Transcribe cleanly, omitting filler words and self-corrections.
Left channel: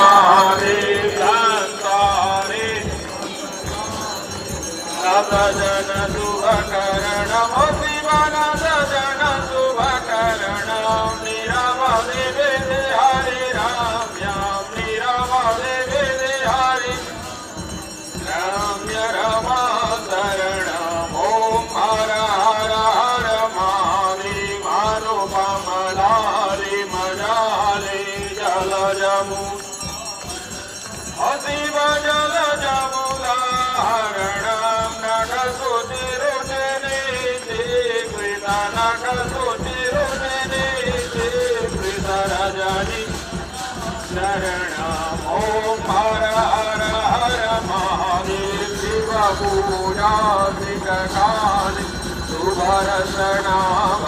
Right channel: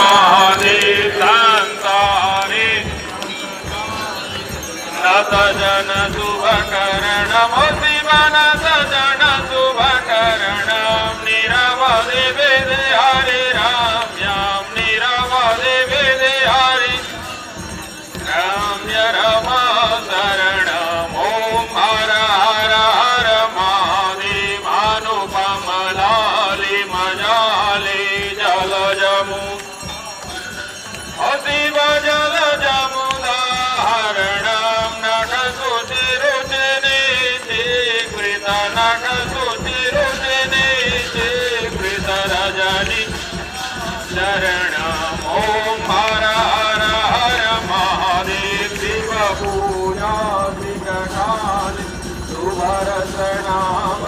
महादेव शांतारे नतजन शुभकरणं शिवन सजन शुभकरणं निरवधि विधि हरि राम्यां निरवधि विधि हरि राम्य रमा शरणम् ॐ हर हर हर महादेव अनुपमलालि मजालि जलजमु शिव जलजमुदाहरणं नटसुतिरुचिनि शीघ्रित नटसुतिरुचिनि शीघ्रित रजनि शरणम् ॐ हर हर हर महादेव शिवपूजा श्रीकटालि सुभरसनाभरणं